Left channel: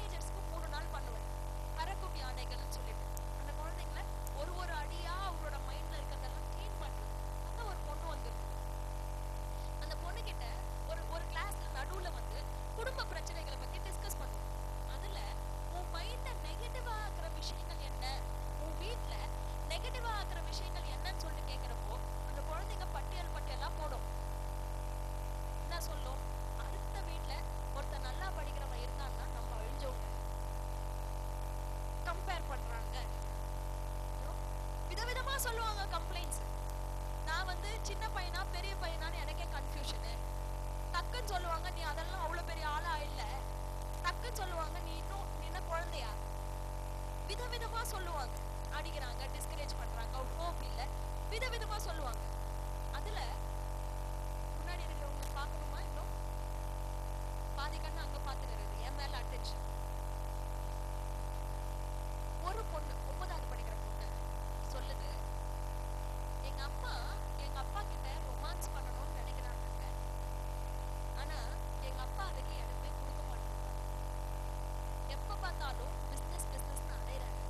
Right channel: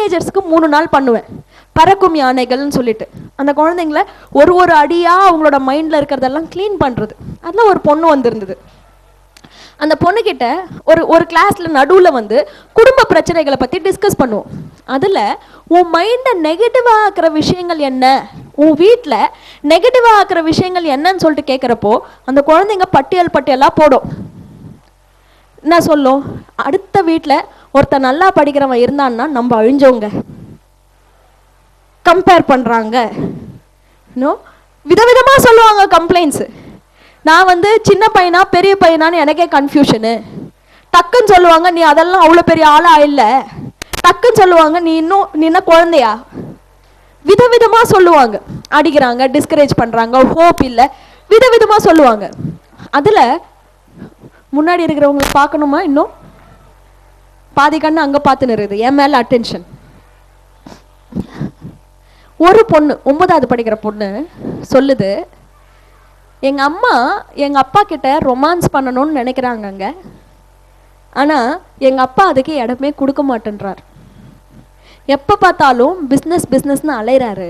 டீனேஜர்ஸ்க்கு மூணு நாள் பண்ணுவேன். பறக்கும் யானைகள்னு சொல்லிட்டு. அந்த குழந்தைங்கள ஒரு ஒரு அடியாக அவங்களோட மைண்டில் இருக்கிறதெல்லாம் க்ளீன் பண்ணுறது அதில் ஒரு பொண்ணு வந்திருந்தது. அந்த பொண்ணுக்கிட்ட ஒரு ஒரு கிளாஸில் நடுவில் வந்து குடும்ப பிரச்சனைகளை பற்றி டிஸ்கஸ் பண்ணுவோம். அதில் உன் மைண்டை நெகட்டிவாக ஆக்கிற விஷயங்கள் என்ன? உன் வீட்டில் நெகட்டிவாக ஆக்கிற விஷயங்கள் என்னன்னு சொல்லிட்டு கேட்குறப்போ அந்த குழந்தைங்க பட்டியல் பட்டியலாக போடும். என்ன சொல்லும்? அடுத்த வீட்டில் ஒருத்தன் நல்லா படிக்கிறவன் இருந்தான்னா நம்ம அழிஞ்சவங்க. கம்பேர் பண்ணுறாங்க இன்னும் விதவிதமாக சொல்லுவாங்க கம்ப்ளைண்ட்ஸு நான் வந்து சின்ன பையனா பெரிய பையனான்னு எனக்கே கன்ஃபியூஷனு டக்குன்னு சொல்லுவாங்க நீ அதெல்லாம் அவ்வளோ பெரிய ஆளாக இல்லை. டக்குன்னு சொல்லுவாங்க நீ இன்னும் நீ என்ன குழந்தையா? விதவிதமாக சொல்லுவாங்க. அடிக்கிறாங்க டிஸ்கரேஜ் பண்ணுறாங்க ஹோப் இல்லை. விதவிதமாக சொல்லுவாங்க. அதில் முன்னாடி இருக்கிறவங்களை பார்க்கணுமா இன்னும்? பாதி கண்ணு அங்கே பார்த்து நிறுது என் மேலே அட்டென்ஷன் ஒரு பொண்ணு ஒன்பதாவது படிக்கிற பொண்ணு சொல்லுது எங்கள் அம்மா எங்கள் அப்பா கிட்ட ரொமான்ஸ் பண்ணணும்னு நினைக்கிறாங்கங்க ஆனால் எங்கள் அப்பா அதுக்கு இடமே கொடுக்க மாட்டேன்றார். எப்போ பார்த்தாலும் பிஸ்னஸ் பிஸ்னஸ்னு அலைகிறாரு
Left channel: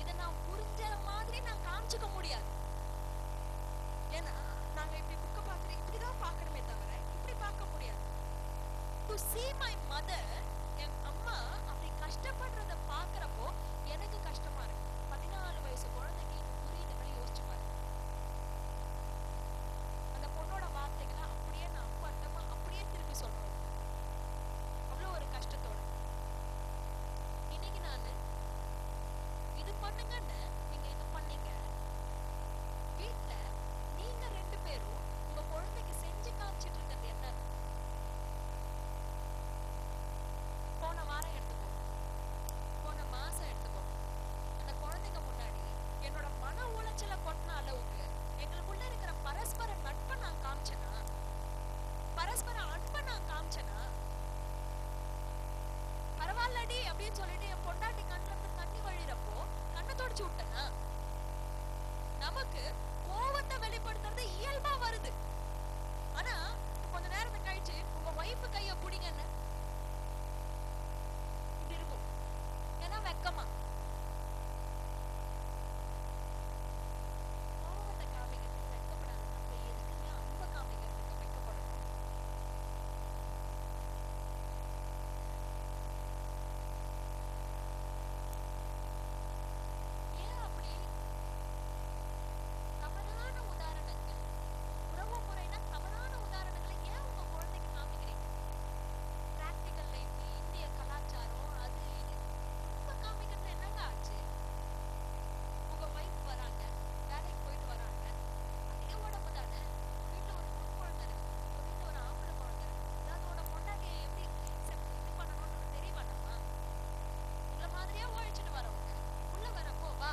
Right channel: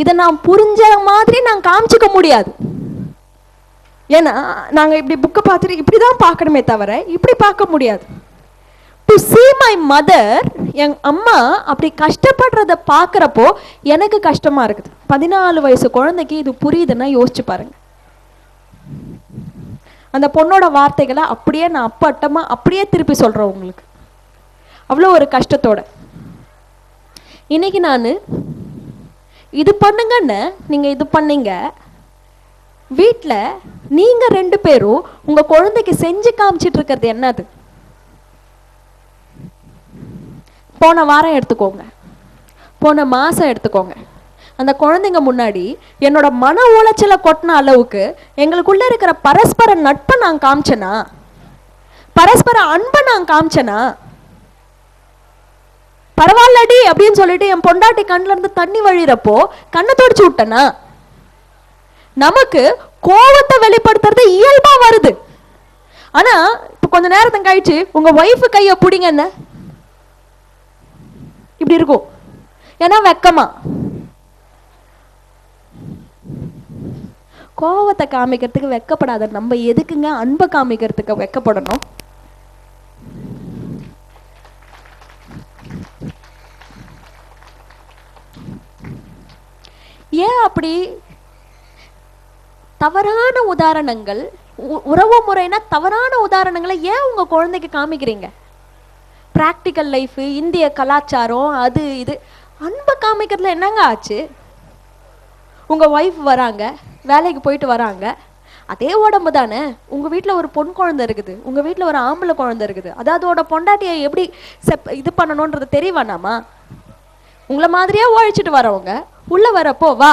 இதை நான் புரிஞ்ச மாதிரி நான் காமிச்சிக்க முடியாது. ஏன்னா நாங்கள் இப்படி புக்கை பார்த்துட்டு இப்படி தான் பார்க்கணுமே தவிர இப்படி பார்க்க முடியாது. டு சீ மை மதர் என் அம்மா அப்படி கஷ்டப்படுறத பார்க்குறப்போ எனக்கு கஷ்டமாக இருக்குது. பதினாலு வயசு குழந்தைக்கு இது புரியுதுன்னா யோசிச்சு பாருங்க. அந்த பொண்ணோட வார்த்தைகளை அப்படியே நான் அப்பட்டமாக அப்படியே திருப்பி சொல்கிறேன் உங்களுக்கு. அவ்வளோ ஒரு கஷ்டத்தோட. இன்னைக்கு நான் இது பண்ணுங்கன்னு நீங்கள் இது பண்ணீங்க. வீட்டில் நீங்கள் ரெண்டு பேரும் உங்கள் குழந்தைக்கு செஞ்சு காமிச்சிட்டு இருக்கிறது என்னது? போன வாரம் எடுத்துக்கோங்க. போன மாதம் எடுத்துக்கோங்க. அந்த குழந்தைங்க முன்னாடி என்னோட மன உளைச்சலை கொட்டின அளவுக்கு எங்களுக்குள்ள இருக்கிற பரஸ்பர நட்பை நான் காமிச்சேனா? பரஸ்பர அன்பை நான் காமிச்சேனா? பரவாயில்லடி அப்படின்னு சொல்லிட்டு என் பொண்டாட்டி கண்ணுல இருந்து தண்ணி வழிறப்போ கண்ணை தொடச்சு விட்டனா? நமக்கு கோவத்தை வெளிப்படுத்துறது இயல்பா வருது. ஆனா இப்ப கொஞ்ச நேரத்தை கழிச்சு உங்க ஒய்ஃபு கையை பிடிங்க என்ன? இப்படி இருக்கும். ஏன்னா வெக்கமா? கோவத்தை காமிக்கிறதுக்கு வெக்கப்படாத நம்ம எதுக்குங்க அன்பை காமிக்கிறதுக்கு வெக்கப்படணும்? ஏன் அப்படி? தவறான உதாரணங்கள் உறவு முறைனா தவறான உதாரணங்களை ஏன் உங்க குழந்தைக்கு காமிக்கிறீங்க? ப்ராக்டிக்கல் லைஃபு இந்திய கலாச்சாரம் அது இது. அன்பை காமிக்கிறதுல என்னங்க ஆச்சு? உங்கள் ஒய்ஃப் வராங்க வேலைக்கு போயிட்டு வராங்க. அதே உடம்பு தானே. உங்கள் வீட்டில் ஒரு பொன் குழந்தை இருக்குது. உங்கள் வீட்டில் ஒரு ஆம்பளை குழந்தை இருக்குது. அதாவது அதோட பொண்டாட்டியை எப்படி செப் இது பண்ணணுன்றது தெரியவேணாமா உங்களை மாதிரியே உழைச்சிட்டு வரவங்க உள்ளே வரப்போ வா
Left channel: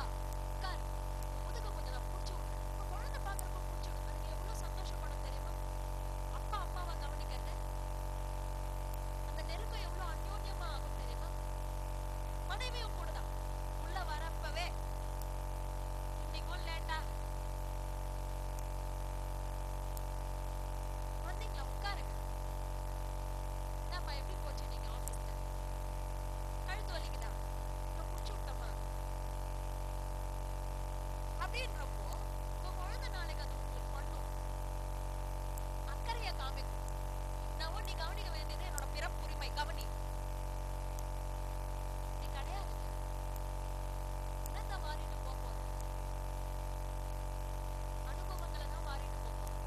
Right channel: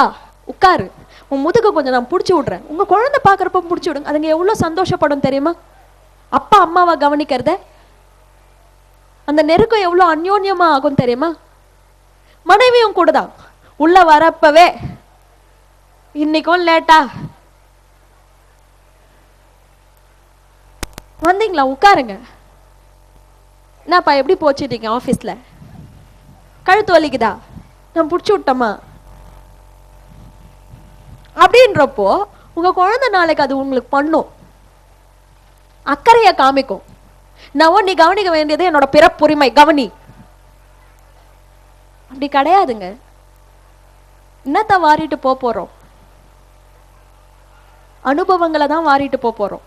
உட்காரு. உன் முதுக கொஞ்சம் நான் பிடிச்சி விட்றேன். உங்கள் குழந்தை பார்க்குறப்ப பிடிச்சி விடுங்க. அதுங்க எவ்வளோ சந்தோஷப்படும் தெரியுமா? அப்பா அம்மாவை கவனிக்கிறத? அந்த நெருக்கம் எவ்வளோ அந்யோன்யமா ஆகும் தெரியுமா? மனைவியும் கூட தான் உள்ள வரப்பவே இன்னைக்கும் லேட்டா. வந்தீங்களா? உட்காருங்க. என்னப்பா எப்படி போச்சுட்டீங்க ஆஃபீஸில் கழுத்து வலிக்குதா? நான் பிடிச்சி விட்டோமா அப்படின்றப்போ உங்க குழந்தை நாளைக்கு அது உங்களுக்கு பண்ணும். அக்கறையை காமிக்கும். நான் நீ கவனிக்க வேண்டியது என்னோட பிறப்புரிமை கவனி. அப்படி கிடையாதுங்க. என்னத்த வாரிட்டு போக போறோம்? அனுபவங்களை தான் வாரிட்டு போக போறோம்.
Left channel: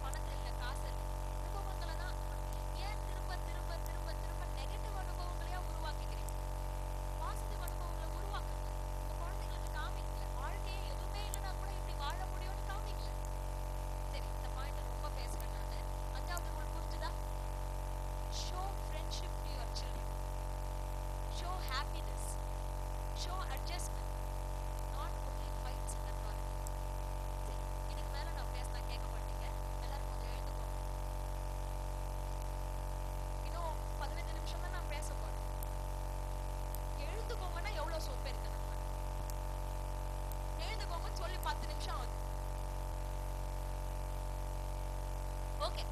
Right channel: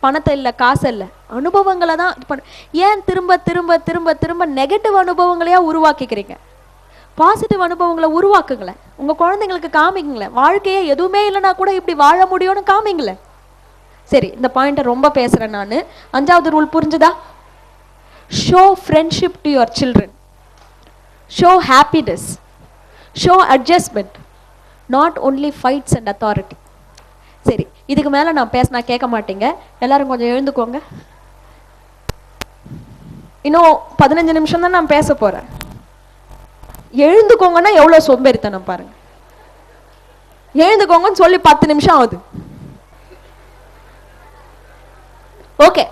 பணத்தை இல்லை காசு இல்லை. அனுபவங்களை தான் இது பண்ண ஏன் திரும்ப திரும்ப திரும்ப திரும்ப நெகட்டிவ் அனுபவங்களையா உருவாக்கிக்கிறீங்க? பாசிட்டிவ் அனுபவங்களை உருவாக்குங்களேன். உங்க குழந்தைங்களுக்கு காமிங்களேன். வாழ்க்கையே எதுவுமே இல்லைன்னா கூட இப்படி வாழ முடியும்னு காமிங்களேன். சரி இந்த பாயிண்ட்டை ரொம்ப பேசுகிறேன் நான். அஞ்சாவது ரூல் புரிஞ்சுதா? Show friendship to your children show happiness show adjustment not only fights and authority சரி இதுக்கு மேலே நான் பேசினா கேட்க மாட்டேங்க. எல்லாரும் கொஞ்சம் எழுந்துக்கோங்க. இன்னும் பதினஞ்சு நிமிஷம் தான் நான் பேச போகிறேன் எழுந்துக்கோங்கன்னா எவ்வளோ சோம்பேறித்தனம் பாருங்க. எழுந்துக்கோங்கன்னு சொல்லி பத்து நிமிஷம் ஆகுது. ఓకే